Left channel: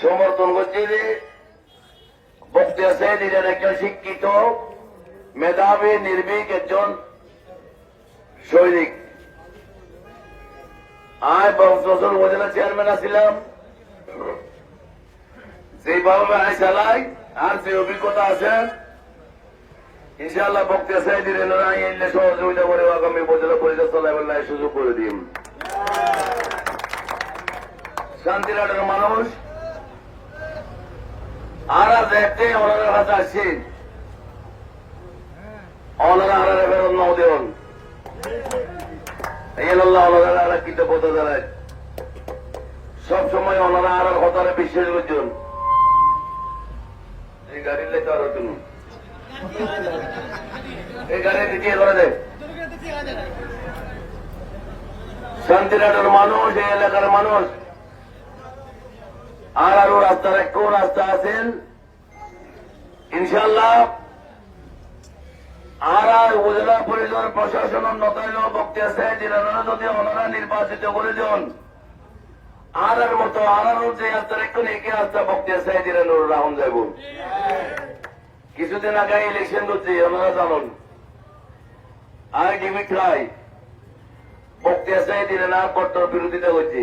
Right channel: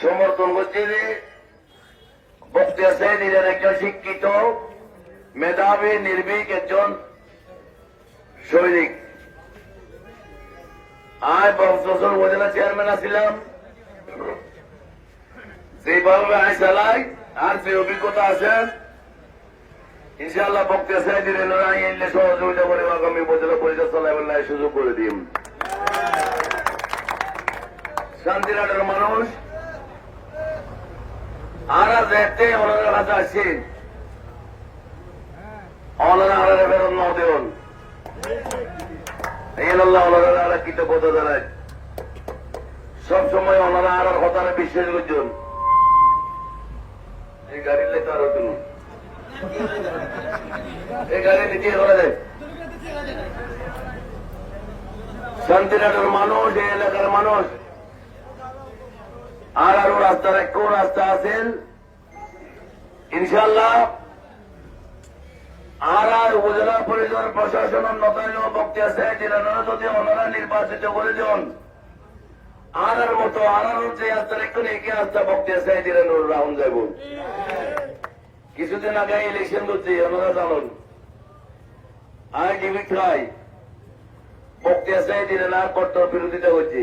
সমর্থন করছে যে বক্তিয়া সাহেব ইরান একজন শিক্ষিত, মেধাবী, নির্ভীক একজন সৈনিক। পাঁচ বছর উপজেলা চেয়ারম্যান আছিলাম। সেইভাবে আয় চালাই, আর যে অভিজ্ঞতা আছে, ইনশাআল্লাহ বক্তিয়া সাহেব ইরান এলে সহযোগিতা করে আগামী উপজেলা পরিষদ চালাবেন সুযোগ করে দিন শান্তিনাটের মানুষ। আরা দেখতে ওনাদের আসছি কৃতজ্ঞতা জানায়। সবসময় বিশ্বাস করছেন এই গাড়ি লেখা আরও তুমি এই গাড়ি নিচে করে দেয় শান্তিনাটের মানুষ, এই এলাকার মানুষ। আর আরও রাস্তার একটু রাস্তা আছেন? ইনশাল্লাহ আর আর উপজেলা পরিষদ প্রশাসন নতাইল বক্তিয়া জেলারা যদি ওনারা নির্বাচিত করেছেন। আর আর মতো আর আর যে রাস্তার একটু একে রাস্তা বক্তিয়া জেলার রাউন্ড যাব কিছুদিন আগে ইলেকশন করছি ওনারা জানুন। আর জিবি খাই বক্তিয়া জেলা কট্টর বিরোধিতা করছি।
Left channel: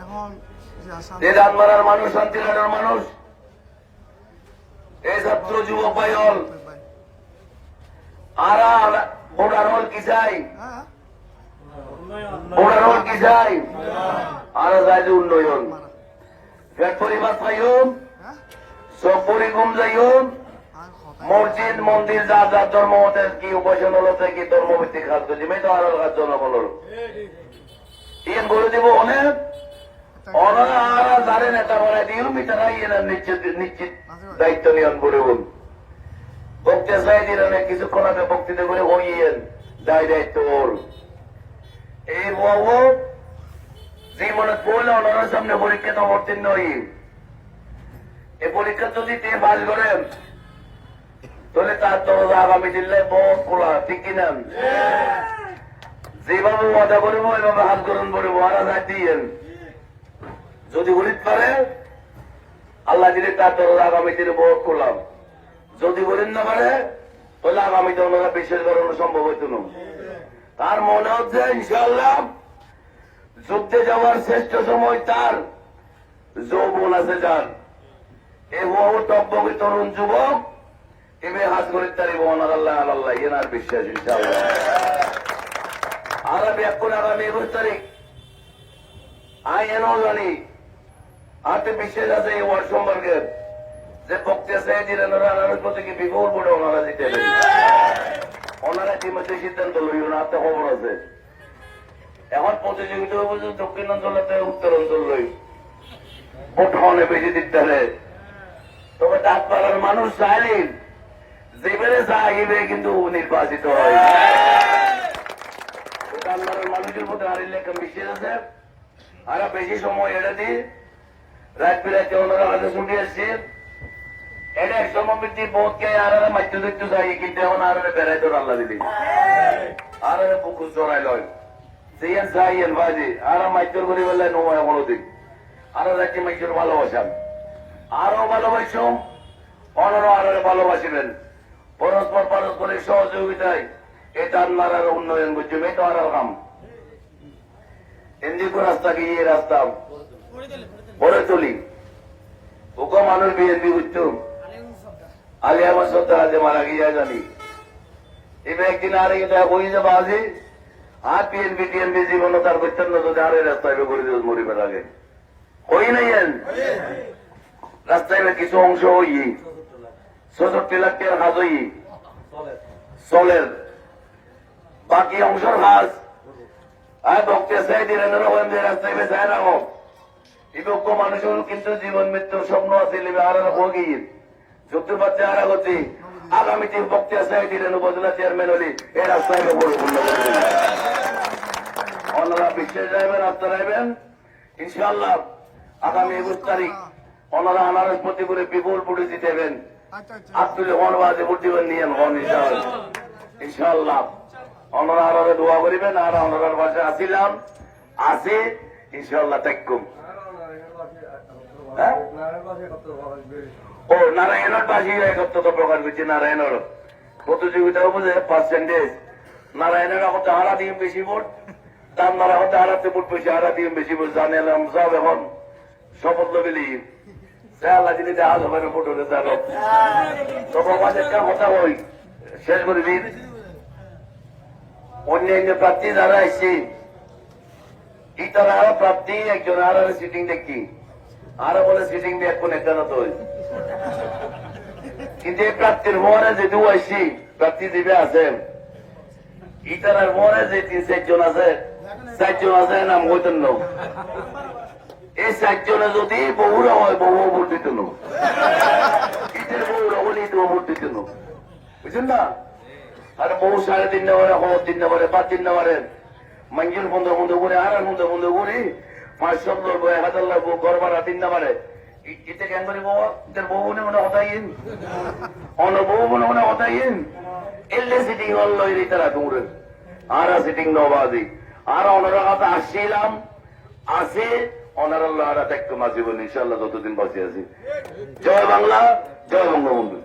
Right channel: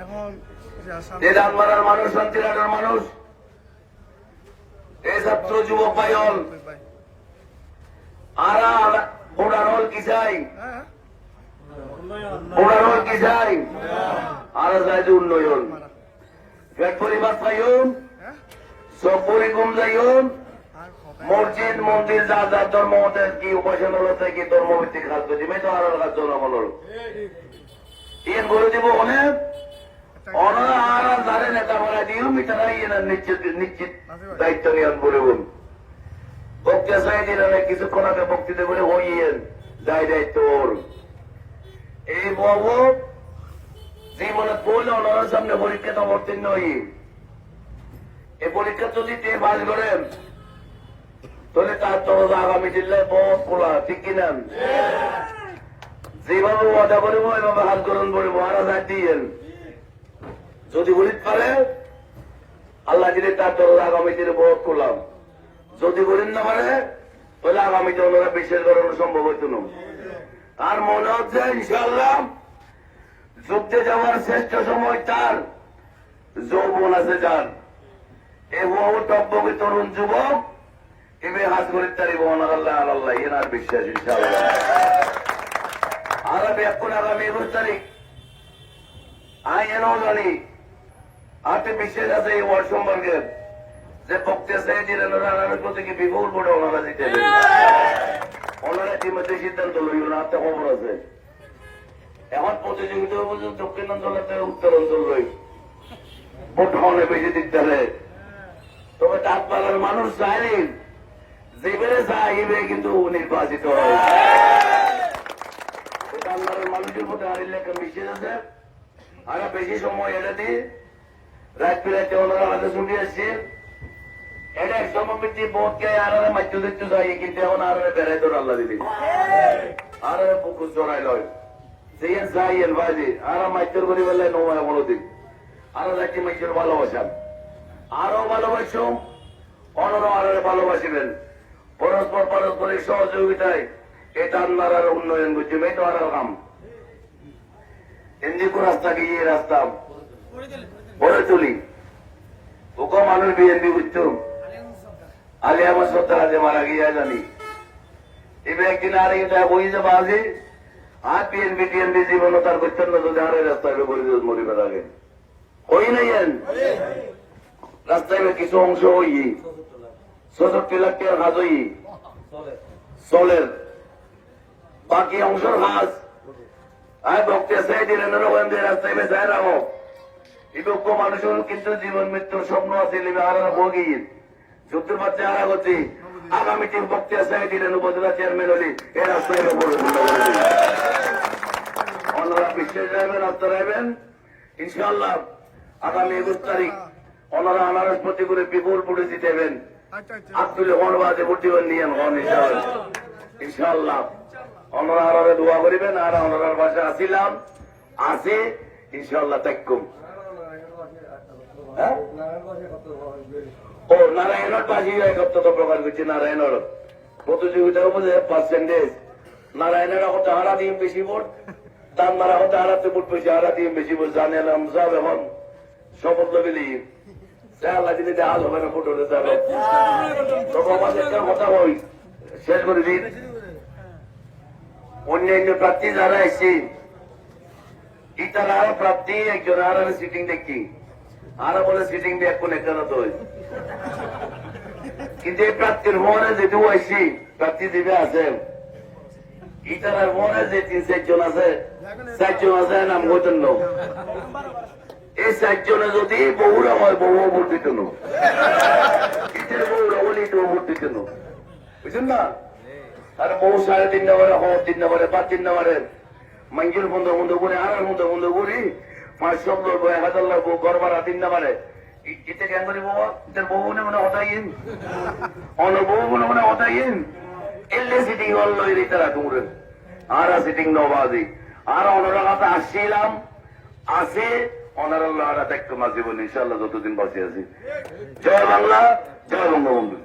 এখন যে আসাম দিদানপাড়ার মানুষ শান্তিনাটের মানুষ? এই ছাত্র যুবক পাইল আর ভোটার হল কি চাই? হ্যাঁ। ভোটার হল কি চাই? আর চাই যে উন্নয়ন। পেট পরিবার পাইম হ্যাঁ। সব পরিকম যাইম মসজিদ মন্দির যা যা ধর্ম মতের কি উপাসনা হচ্ছে কি ধর্মভিত্তিক খাদ্য দিবে তো আর জনগণের। ইয়ে বলে দিব অনেক। ওনারা আর যারে নেতা বলে দিও মিটারা ইয়ে নিশ্চিত নিশ্চিত দায়িত্ব নিয়ন করে বল। বক্তে চাই দিলেন কিছুক্ষণ আগে বক্তৃতা করে দায় দায়িত্ব ওর। এই বাবু জীবনে পড়লে ওনার সামনে পরীক্ষা তো অবতীর্ণ হই। এই পরীক্ষা যদি তে পাস করেন তাহলে তার দরজা আগামী দিলে বহুত খোলা ঠিক কিনা? যেভাবে ওয়াদা করিব এভাবে গ্রহণ করিব আর হাত দিয়েন যদি গরিব পারে, আল্লাহ দিলে তার দরজা আগামী দিনে বহুত খোলা যদি গরিব না পারে, তাহলে দিনে ওনারা বিশেষ করানো সম্ভব হইত না। তার মনে হচ্ছে ইনশাল্লাহ যুদ্ধে যাওয়ার শ্রেষ্ঠ সময় তার, যৌবন আছে যার। এই বহু টব্বকে তরুণ যুবক এবে হাত করে তারি বোনার আল্লাহ আল্লাহ, এনার বিশ্বাস, ইনশাআল্লাহ। এন জানি আতে বিশ্বাস আছে এই ওয়ার্ড সম্পর্কে। যে পক্ষে সে দিলেন ওনার প্রতি কি বিপুল করে ওনারা দিতে ওনারা ইতিমধ্যে সিদ্ধান্ত লইব না তো খবর আছে। এখন প্রতিযোগিতা হবে যে দক্ষিণ অঞ্চল উত্তর অঞ্চল লই ভোট খাওয়ানো বেশি দিতে হবে তবে ডাকপাড়ার মানুষ চায়নি যেবারে চাইবে কিন্তু নির্বাচিত হয়। ডাকপাড়ার মানুষের মধ্যে আর লেখা মিশে আছে আর বেশি সময় এটা দিয়ে রাত বিরাতে ওনারা হাতে ছুটি আসছে এটা এক সমৃদ্ধি বোধকে আর মাধ্য দেখতে চাই কিন্তু এখন আর বেড়াইতো আল্লাহ দিদি আর পুকুর চড়াই লয় সেই চাইয়েন বাজে আর মাধ্য করি বলে নোমায় বড় দিক আর রাজ্যে মাইকের ভালোবাসান আরও ভালোবাসুন অনর আরও ভালোবাসিলেন পরস্পর পারস্পরিক সহযোগিতায় এটা আল্লাহর উন্নয়ন করছে আর কাম এমনি রাস্তা গিয়ে রাস্তা গড়ে তুলি। ওকে মানুষ বিএনপি বুঝতো আলী আমার সত্তর মারা গিয়া জানি। এবার একদিন আর এটা বই যাব আজি, আর বিএনপি টিএনপি জীবন তার করতেন না যদি আরে রাস্তায় করে দিও মরিবে লাগে। হই নাই রাস্তায় কিছু অংশ হই চৌষট্টি লাখ টাকার কাজ হই চলের। অংশের কাজ আর রবীন্দ্র রাস্তায় বেসায় রাখো বিপক্ষ মানুষের কিন্তু জীবন মৃত্যুর স্বপ্ন আছে আর ভোগীর সত্যি বাচ্চা আর করছি আগামী দিন বক্তে চাই দিলেন উপজেলা চেয়ারম্যান হলি এ রাস্তায় ওনারা বিশেষ যাইবেন রাস্তা যাইবেন ইনশাল্লাহ আগামী একুশ তারিখ ওনারা আনারস প্রতি করে বিপুল পুড়ে জিতেবেন। আচ্ছা আচ্ছা। আব্দুল হন বাজে বুদ্ধিমান নিয়ে হন ইনশাআল্লাহ। ওনারা আনারে দোয়া করিবেন আর ওনারার পাশে আসিলাম। আসি ইনশাআল্লাহ দেখুম হ্যাঁ? ও নারায়ণের পাশে একত্র প্রকার করছে নারায়ণের। প্রতিযোগিতা বুঝে পার্সেন্টেজ নারায়ণের কথা হারা দিয়ে বেশি ভোট দাম মারা কথা হারাতে ভোট বেশি হারা দিয়ে বেশি ভোট জানালাম সব এখন শপথ বিলি আল্লাহ যিনি দেওয়া হবে না ভোট বই শেষ করে দিন। অন্যান্য প্রার্থী যারা এসছে ইতারা প্রার্থী, একজন আর সিটিং দেখি। আর বলে সিটিং দিয়ে এখন তো কিন্তু এই প্রার্থীর মনে যেহেতু আইসি, প্রার্থী দিবে আছেন ইতারার মনে যে তিন চারজন আছে চারজন আছে নাম হইতেন এই চারজনে যদি বহুরা হয়, বহু ভোট দিত না। ইতার বহুরা হলেই তো ভোট দিত না। বুঝছেন না? তিন নম্বরে খবর তিন নম্বরে পাঁচ তিন নম্বরে মঞ্জুর বন্ধ বন্ধ করে আর বন্ধ বন্ধ করে। পাঁচশো লোক হাজার লোক ঘর ভাড়া তিন নম্বরে কেন করি বাবা? বউ মনে মনে হতাইন অন্য বউ মনে মনে হতাইন এলে সিটিং হল তারা আর সিটিং নবাদি আর আসছিলাম। আসে জীবন। ইনশাল্লাহ যতদিন আছি। জয় বাংলা, জয় বঙ্গবন্ধু।